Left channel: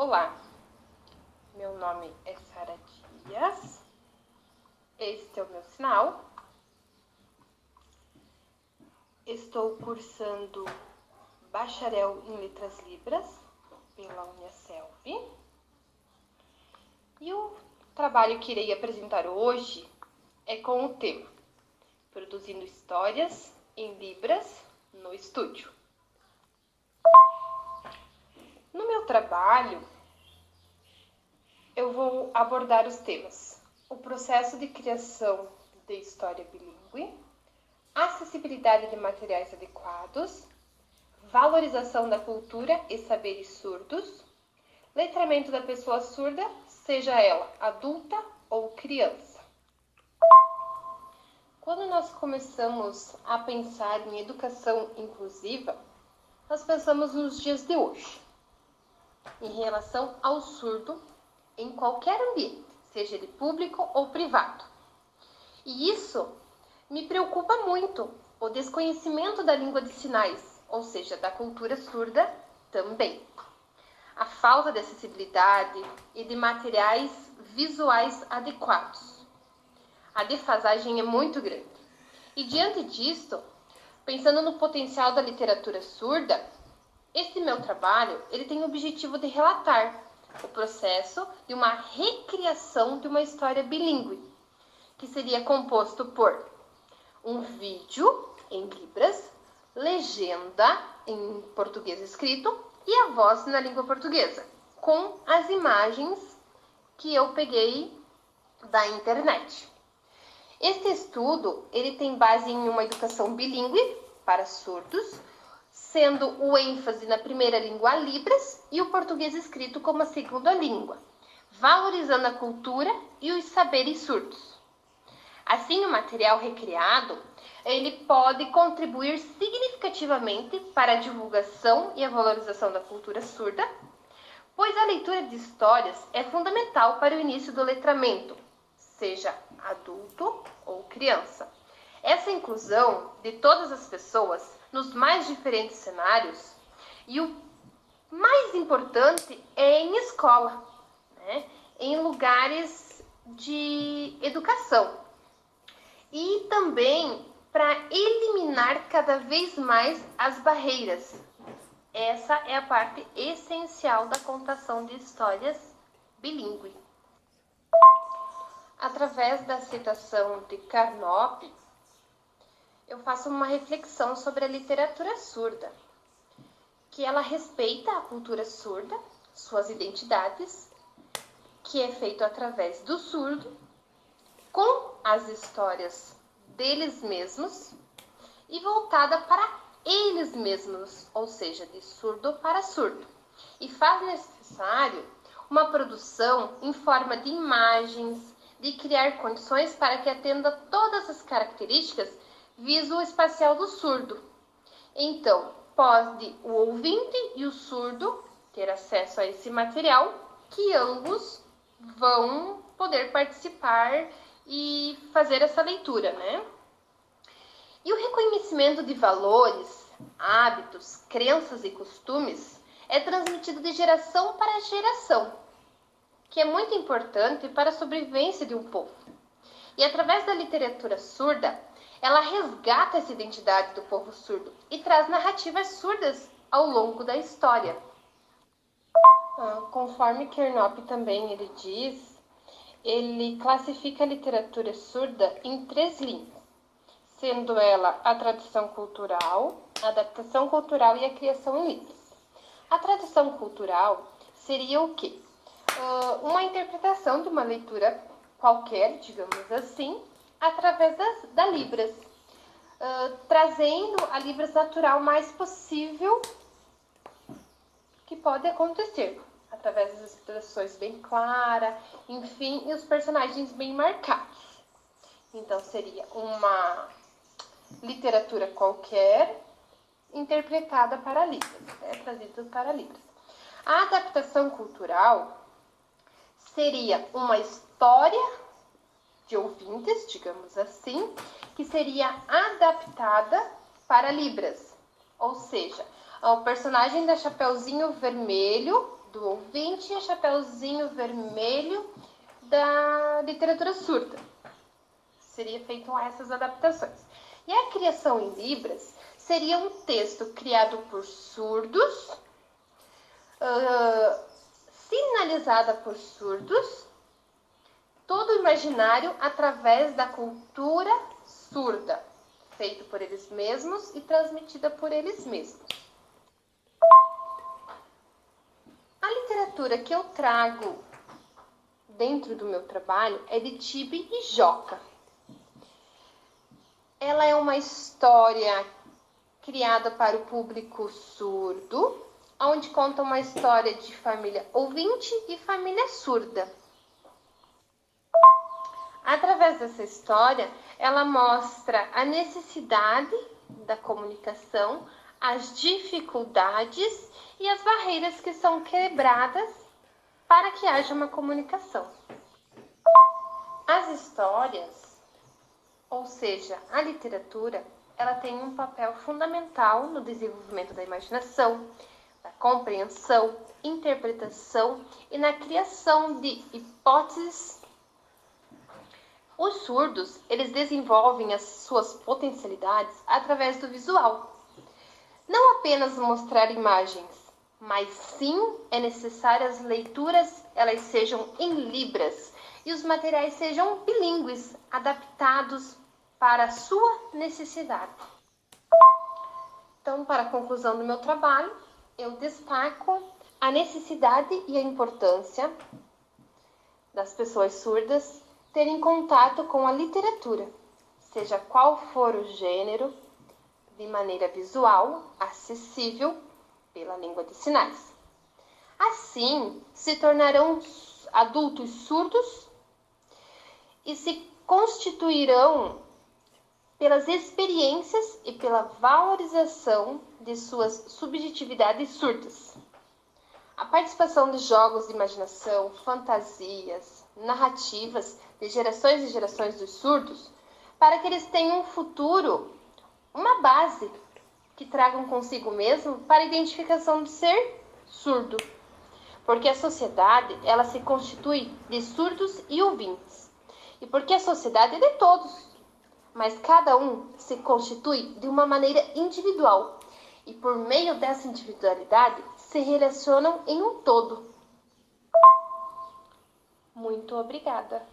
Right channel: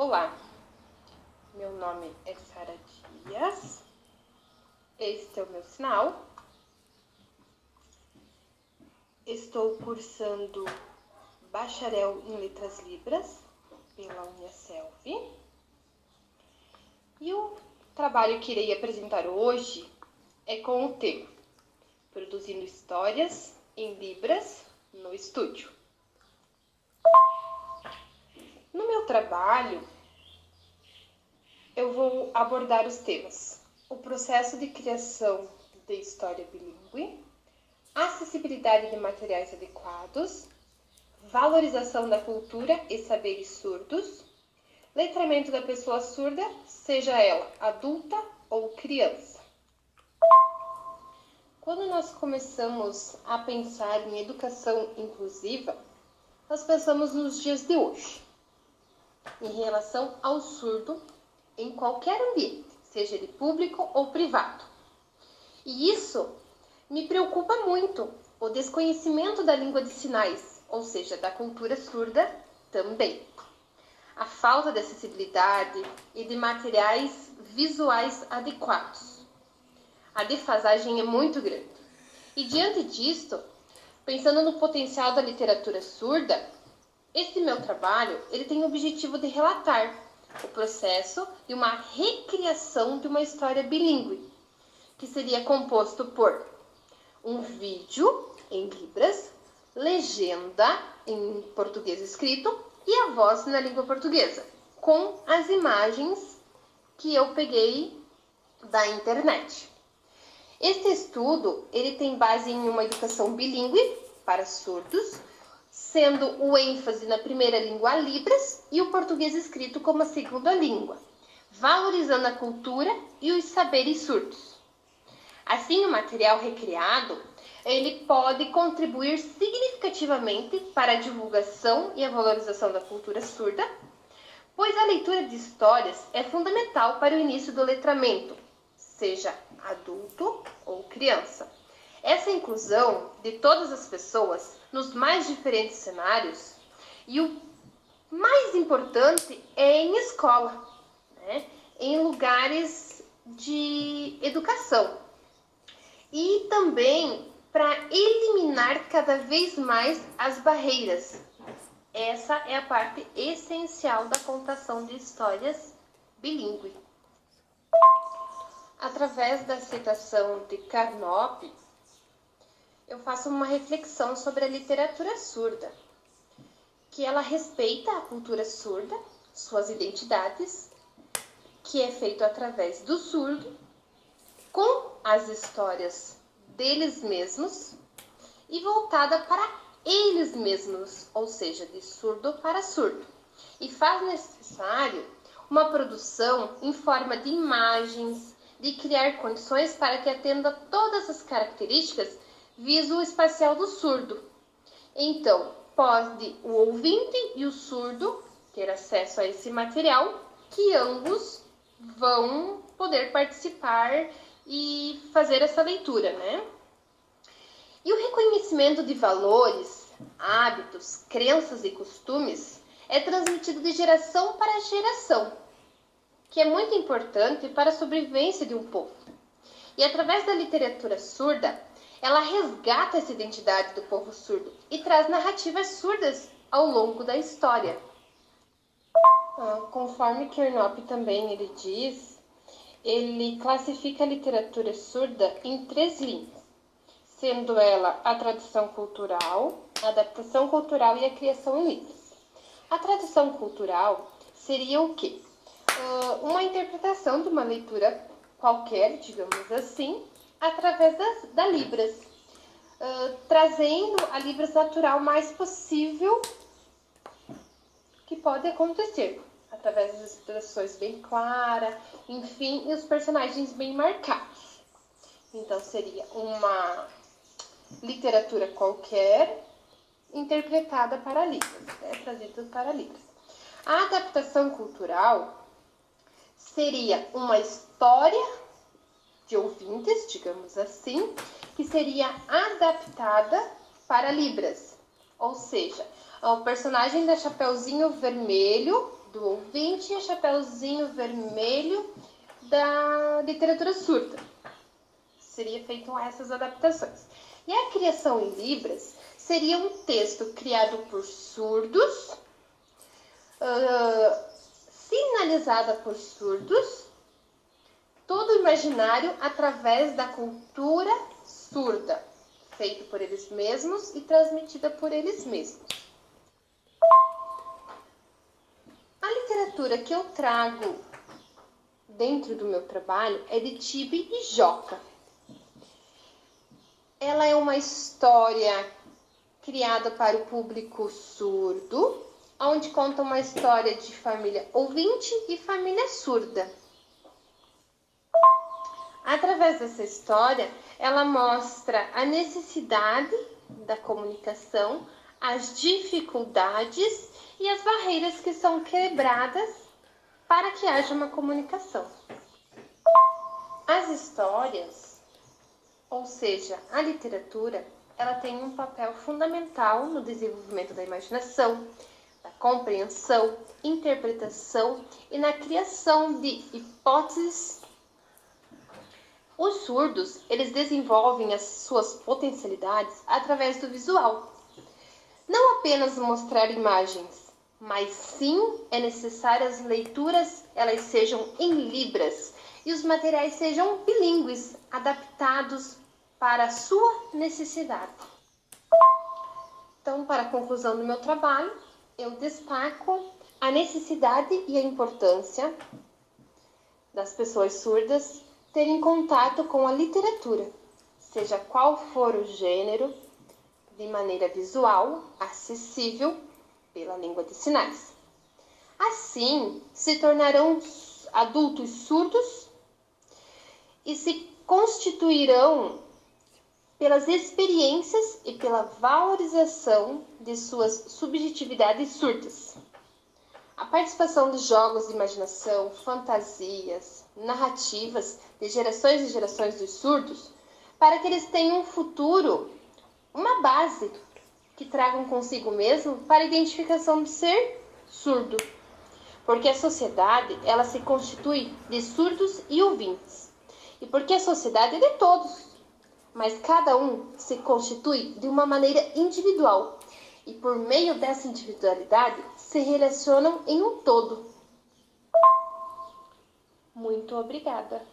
Olá, meu nome é Sara Dias, este é o meu sinal. Estou cursando Bacharel em Letras Libras pela Uniaselv. E o trabalho que irei apresentar hoje é com o tema Produzindo Histórias em Libras no Estúdio. No meu trabalho, eu vou abordar os temas: o processo de criação de história bilíngue, acessibilidade de materiais adequados, valorização da cultura e saberes surdos, letramento da pessoa surda, seja ela adulta ou criança. Quando nós começamos a pensar em educação inclusiva, nós pensamos nos dias de hoje, em relação ao surdo em qualquer ambiente, seja ele público ou privado. E isso me preocupa muito, o desconhecimento da língua de sinais, ou seja, da cultura surda também. A falta de acessibilidade e de materiais visuais adequados. A defasagem é muito grande. E diante disto, pensando no potencial da literatura surda, este meu trabalho ele tem o objetivo de relatar o processo de uma recriação de uma história bilíngue, que seria composto por um vídeo em libras, legenda em português escrito e a voz na língua portuguesa, com as imagens que eu peguei da internet. Este estudo ele tem base em uma educação bilíngue para surdos, sendo o ênfase na primeira língua Libras e o português escrito como a segunda língua, valorizando a cultura e os saberes surdos. Assim, o material recriado, ele pode contribuir significativamente para a divulgação e a valorização da cultura surda, pois a leitura de histórias é fundamental para o início do letramento, seja adulto ou criança. Essa inclusão de todas as pessoas nos mais diferentes cenários, e o mais importante é em escola, né? Em lugares de educação. E também para eliminar cada vez mais as barreiras. Essa é a parte essencial da contação de histórias bilíngue. Através da citação de Carnop, eu faço uma reflexão sobre a literatura surda, que ela respeita a cultura surda, suas identidades, que é feito através do surdo, com as histórias deles mesmos e voltada para eles mesmos, ou seja, de surdo para surdo. E faz necessário uma produção em forma de imagens, de criar condições para que atenda todas as características visoespacial do surdo. Então, pode o ouvinte e o surdo ter acesso a esse material, que ambos vão poder participar e fazer essa leitura, né? E o reconhecimento de valores, hábitos, crenças e costumes é transmitido de geração para geração, que é muito importante para a sobrevivência de um povo. E através da literatura surda, ela resgata essa identidade do povo surdo e traz narrativas surdas ao longo da história. Conforme Carnop também ele diz, ele classifica a literatura surda em 3 linhas, sendo ela a tradição cultural, a adaptação cultural e a criação em libras. A tradição cultural seria o quê? Uma interpretação de uma leitura qualquer, digamos assim, através da Libras, trazendo a Libras natural mais possível que pode acontecer, através das expressões bem claras, enfim, e os personagens bem marcados. Então, seria uma literatura qualquer interpretada para Libras, trazida para Libras. A adaptação cultural seria uma história de ouvintes, digamos assim, que seria adaptada para Libras. Ou seja, o personagem da Chapeuzinho Vermelho do ouvinte e o chapeuzinho vermelho da literatura surda. Seria feito essas adaptações. E a criação em Libras seria um texto criado por surdos, sinalizada por surdos, todo imaginário através da cultura surda, feito por eles mesmos e transmitida por eles mesmos. A literatura que eu trago dentro do meu trabalho é de Tibi e Joca. Ela é uma história criada para o público surdo, onde conta uma história de família ouvinte e família surda. Através dessa história, ela mostra a necessidade da comunicação, as dificuldades e as barreiras que são quebradas para que haja uma comunicação. As histórias, ou seja, a literatura, ela tem um papel fundamental no desenvolvimento da imaginação, da compreensão, interpretação e na criação de hipóteses. Os surdos, eles desenvolvem as suas potencialidades através do visual. Não apenas mostrar imagens, mas sim é necessário as leituras elas sejam em libras e os materiais sejam bilíngues, adaptados para a sua necessidade. Então, para a conclusão do meu trabalho, eu destaco a necessidade e a importância das pessoas surdas terem contato com a literatura, seja qual for o gênero, de maneira visual, acessível, pela língua de sinais. Assim, se tornarão adultos surdos e se constituirão pelas experiências e pela valorização de suas subjetividades surdas. A participação de jogos de imaginação, fantasias, narrativas de gerações e gerações dos surdos, para que eles tenham um futuro, uma base que tragam consigo mesmo para a identificação de ser surdo. Porque a sociedade, ela se constitui de surdos e ouvintes. E porque a sociedade é de todos, mas cada um se constitui de uma maneira individual. E por meio dessa individualidade, se relacionam em um todo. Muito obrigada.